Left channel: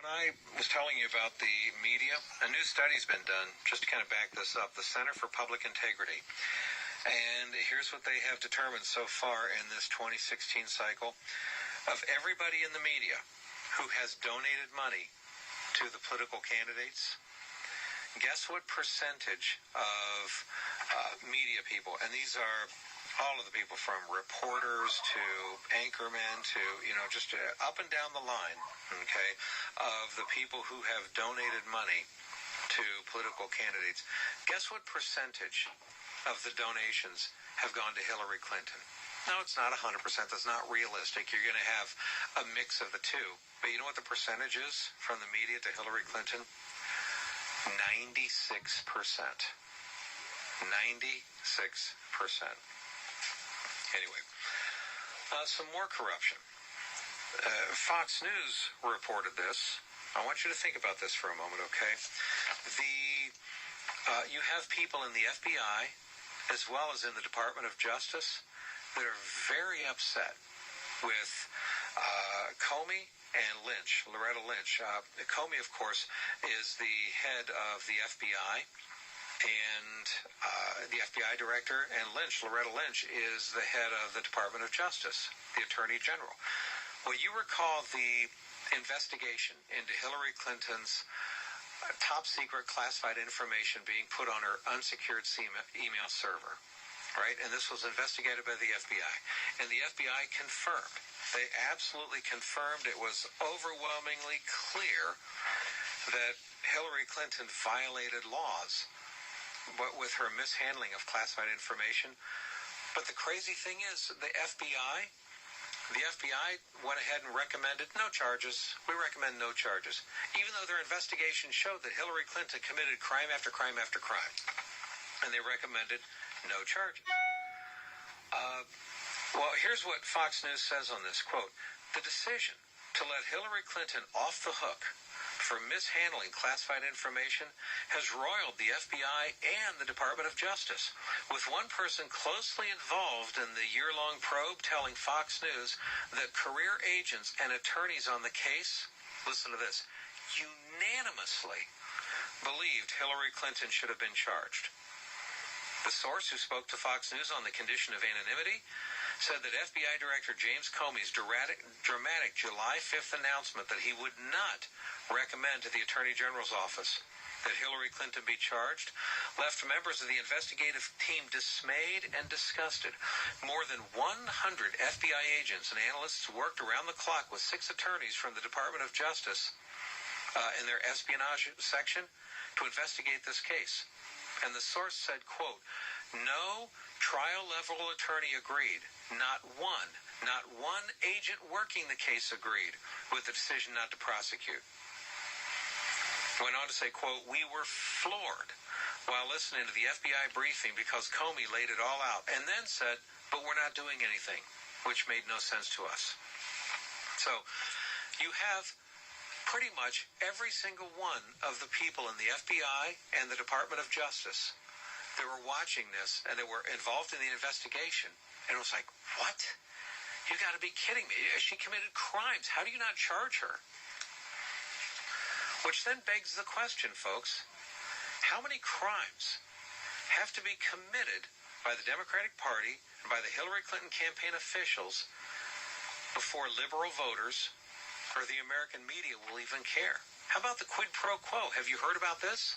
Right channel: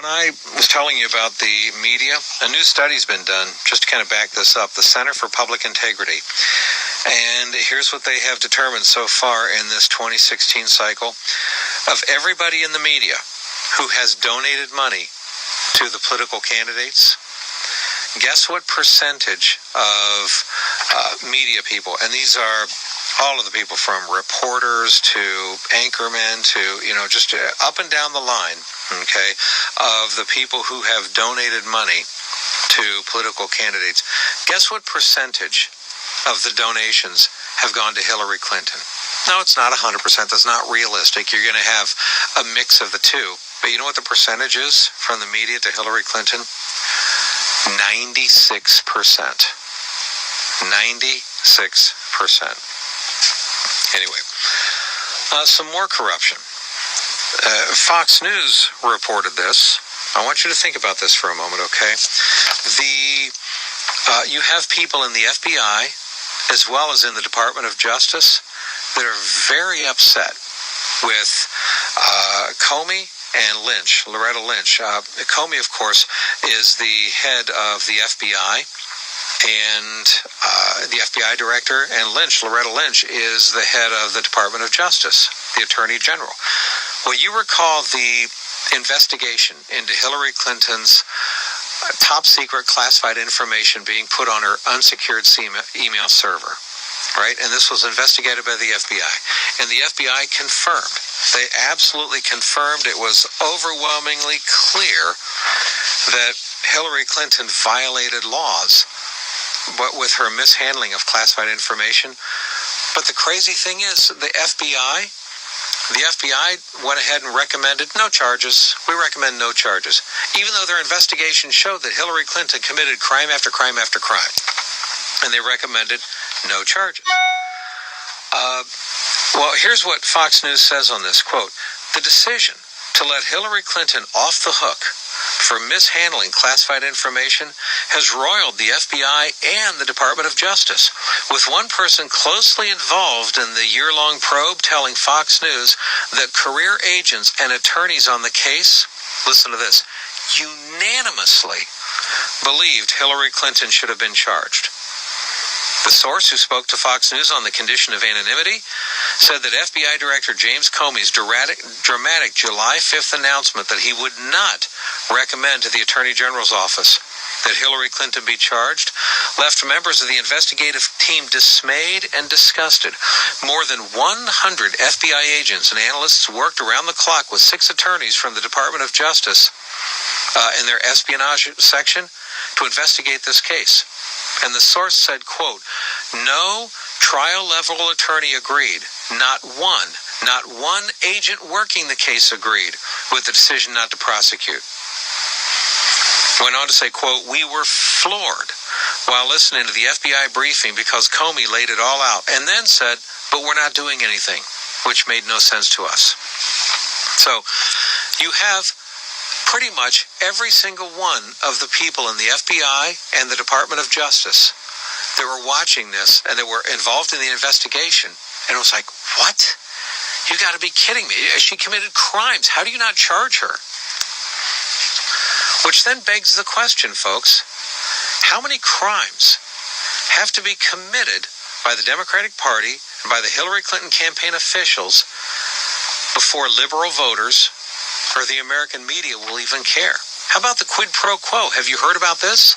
When I was telling you about the media, a new study's been done just to kind of back this up, the Center for Public Integrity. And here's what they have determined so far in this 2016 cycle. Of everybody in the media who has donated money to the political candidates, guess what percentage of media people, and these are all of the people from reporters to anchormen to, just up and down the line, okay, of the people who have donated money to political candidates. Guess what percentage of the donations have gone to Hillary Clinton? No, it's not 100%. That's not realistic. You're going to have a mix of the two. But you know what the percentage is from the media to Hillary Clinton? 96%. 96%. Anyway, some more corruption. Fox News reported this. I want you to think about this for a moment, okay? You have people in the FBI as well as in the Department of Justice that are very upset with Comey and Lynch, Loretta Lynch. Comey, of course, is the head of the FBI and the FBI director, and Loretta Lynch, is the head of the Department of Justice, the Attorney General. Well, you recall the investigation into Hillary Clinton's top secret classified information being put on her unsecured email server, right? And this was investigated by the FBI. And the FBI confirmed. They absolutely confirmed it was overwhelmingly clear that Hillary Clinton violated laws, but with her mishandling of classified information. But the crazy thing is, the FBI went ahead and recommended no charges. We recommend no charges, even though their investigation showed that Hillary Clinton committed crime after crime after crime. And they recommended no charges. Well, here's what Fox News says on this, quote, "The decision to let Hillary Clinton off the hook for mishandling classified information has roiled the FBI and the Department of Justice, with one person closely involved in the year-long probe telling Fox News that career agents and attorneys on the case, listen to this, unanimously believed Hillary Clinton should have been charged. The source who spoke to Fox News on the condition of anonymity said that FBI Director James Comey's dramatic July 5th announcement that he would not recommend to the Attorney General's office that Hillary Clinton be charged left members of the investigative team dismayed and disgusted. More than 100 FBI agents and analysts worked around the clock with 6 attorneys from the Department of Justice in their espionage section to investigate this case. And the source said, quote, no trial-level attorney agreed. Not one agent working the case agreed with the decision not to prosecute. Went on to say, quote, we were floored while listening to the FBI briefing because Comey laid it all out, and then said, but we're not doing anything, which made no sense to us. So you have pretty much every single one of the people in the FBI and the Department of Justice that were watching this and that were involved in the investigation. And it was like, what? You got to be kidding me. She committed crimes. How do you not charge her? Which then begs the question, folks, how many crimes have to be committed by the Democratic Party and by the Hillary Clinton campaign officials before liberal voters or the American media will even care? How about the quid pro quo? Have you heard about this?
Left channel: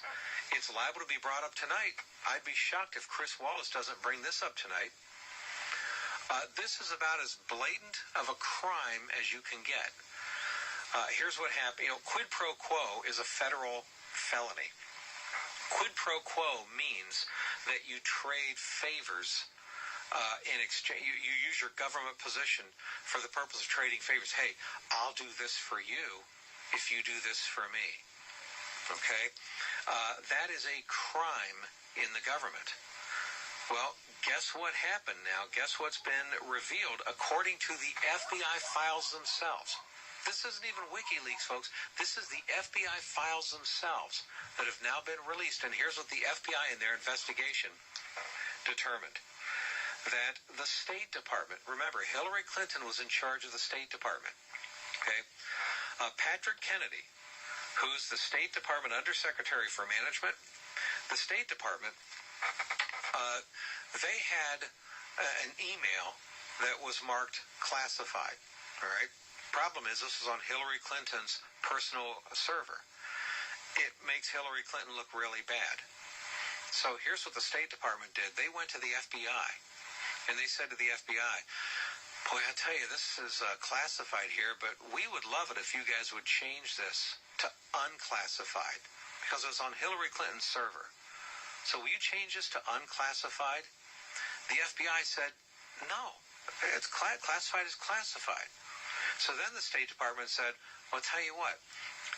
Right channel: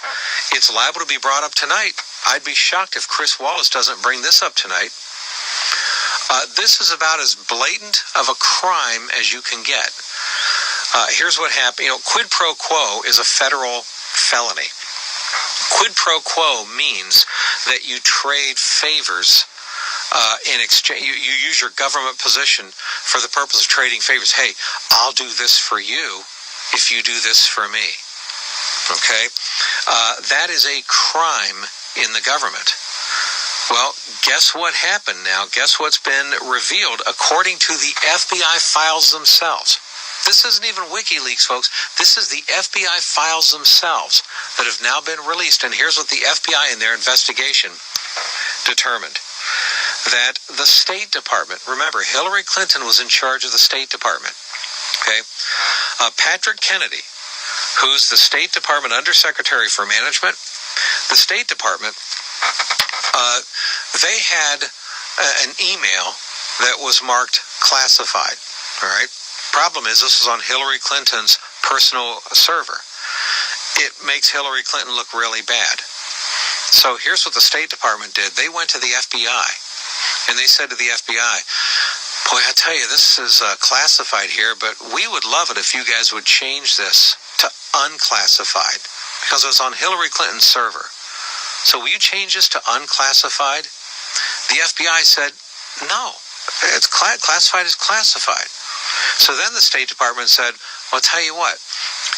It's liable to be brought up tonight. I'd be shocked if Chris Wallace doesn't bring this up tonight. This is about as blatant of a crime as you can get. Here's what happened. Quid pro quo is a federal felony. Quid pro quo means that you trade favors in exchange. You use your government position for the purpose of trading favors. Hey, I'll do this for you if you do this for me. Okay? That is a crime in the government. Well, guess what happened now? Guess what's been revealed according to the FBI files themselves? This isn't even WikiLeaks, folks. This is the FBI files themselves that have now been released. And here's what the FBI in their investigation determined. That the State Department, remember, Hillary Clinton was in charge of the State Department, okay? Patrick Kennedy, who's the State Department Undersecretary for Management. The State Department, they had an email that was marked classified, all right? Problem is, this is on Hillary Clinton's personal server. It makes Hillary Clinton look really bad. So here's what the State Department did. They went to the FBI, and they said to the FBI, boy, I tell you, this is classified here, but we would love it if you guys would change this to unclassified, because it was on Hillary Clinton's server. So will you change this to unclassified? The FBI said, no, it's classified is classified. So then the State Department said, well, I'll tell you what,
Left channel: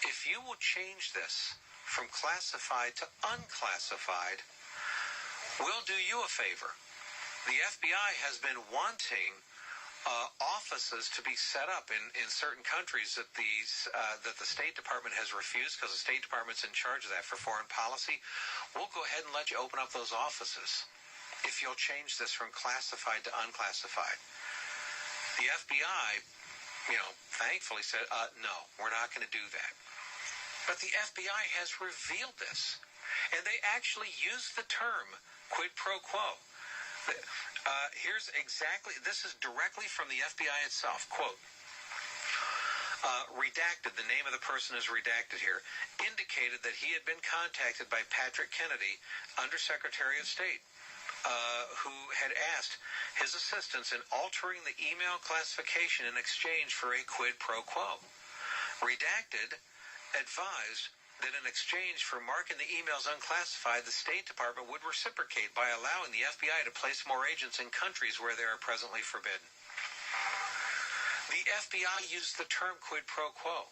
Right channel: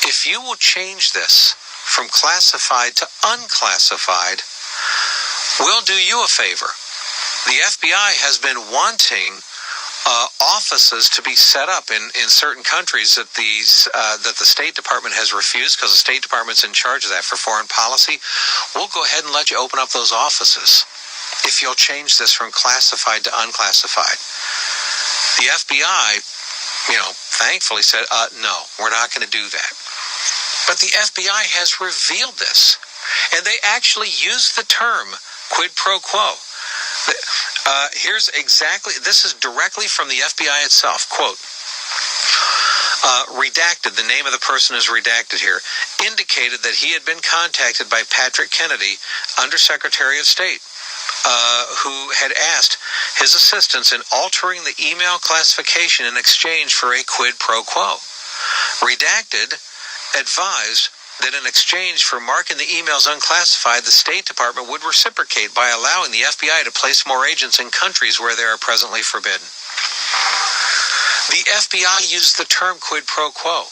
if you will change this from classified to unclassified, we'll do you a favor. The FBI has been wanting offices to be set up in certain countries that the State Department has refused, because the State Department's in charge of that for foreign policy. We'll go ahead and let you open up those offices if you'll change this from classified to unclassified. The FBI, thankfully said, no, we're not going to do that. But the FBI has revealed this, and they actually used the term quid pro quo. Here's exactly, this is directly from the FBI itself. Quote, redacted, the name of the person is redacted here, indicated that he had been contacted by Patrick Kennedy, Undersecretary of State, who had asked his assistance in altering the email classification in exchange for a quid pro quo. Redacted advised that in exchange for marking the emails unclassified, the State Department would reciprocate by allowing the FBI to place more agents in countries where they are presently forbidden. The FBI used the term quid pro quo.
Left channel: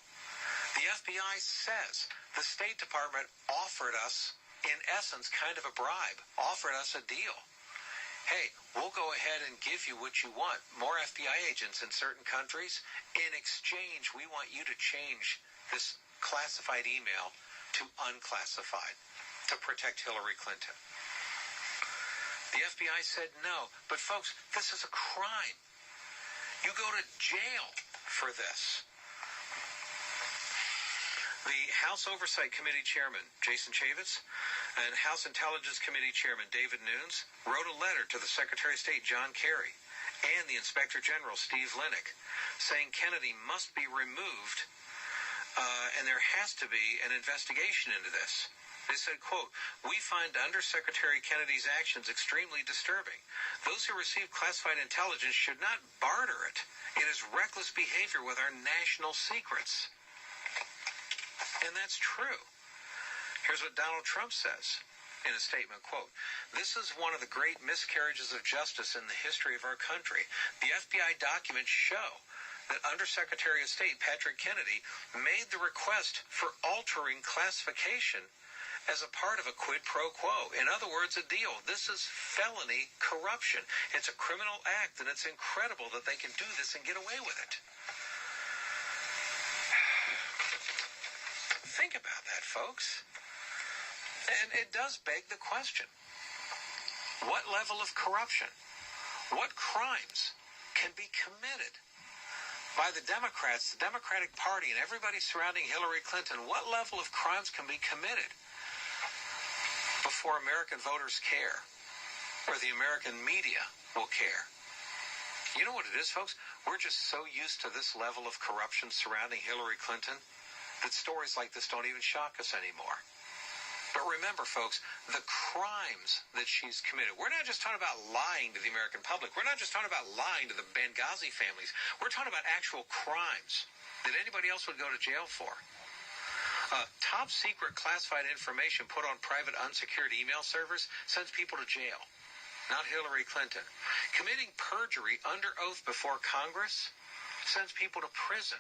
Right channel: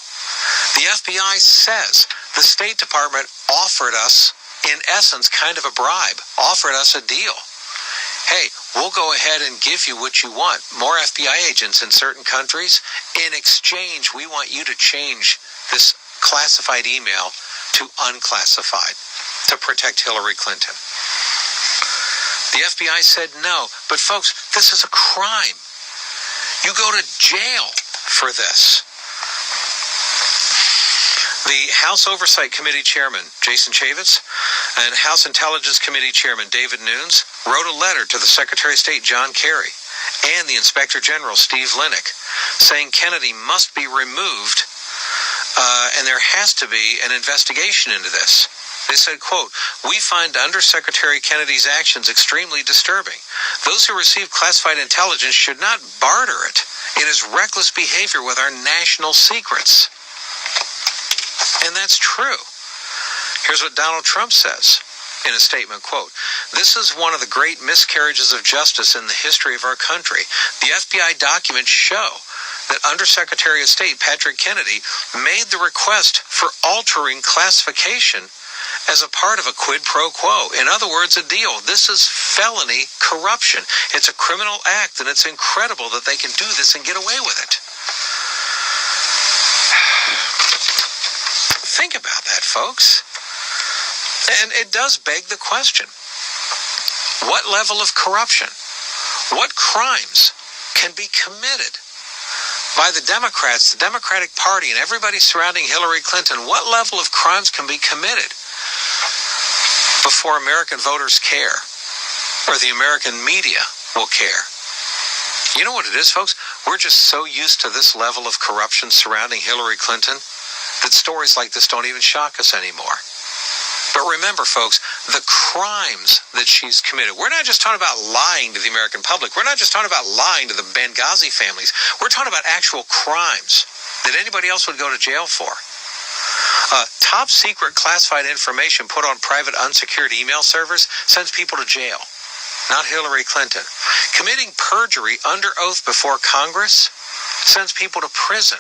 The FBI says the State Department offered us, in essence, kind of a bribe, offered us a deal. Hey, we'll go ahead and give you what you want, more FBI agents in certain countries. In exchange, we want you to change this classified email to unclassified to protect Hillary Clinton. The FBI said no, but folks, this is a crime. You go to jail for this. The House Oversight Committee Chairman, Jason Chaffetz, and House Intelligence Committee Chairman, David Nunes, wrote a letter to the Secretary of State, John Kerry, and the Inspector General, Steve Linick, saying Kennedy must be removed, and there has to be an investigation into this. They said, quote, we find Undersecretary Kennedy's actions extremely disturbing. Those who receive classified intelligence should not barter it. It is reckless behavior with our national secrets. And that's true. Here's what Donald Trump says in a statement, quote, this is one of the great miscarriages of justice in the history of our country. The FBI documents show that Undersecretary of State Patrick Kennedy made the request for altering classification as a part of a quid pro quo. In other words, a deal. This is felony corruption. It's a criminal act, and it's incredible that they can do this and get away with it. Think about that, folks. And it does beg the question. What level of corruption, what crimes can be committed by the Democrats, the Democratic Party, and everybody surrounding Hillary Clinton? What level of crimes can be committed before American voters care, or the American media will care? You know what it is, folks? We're just so used to this level of corruption surrounding Hillary Clinton that stories like this don't even shock us anymore. But remember, folks, the crimes that she's committed. We're not just talking about lying to the American public. We're not just talking about lying to the Benghazi families. We're talking about actual crimes that anybody else would go to jail for. Top secret classified information put on private unsecured email servers sends people to jail, not Hillary Clinton. Committing perjury under oath before Congress sends people to prison.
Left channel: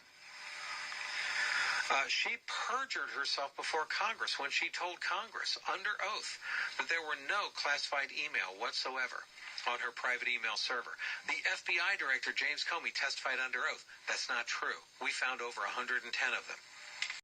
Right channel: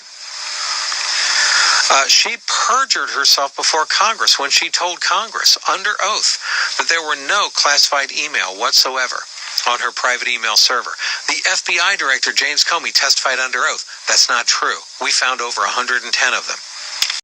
She perjured herself before Congress when she told Congress under oath that there were no classified email whatsoever on her private email server. The FBI director, James Comey, testified under oath. That's not true. We found over 110 of them.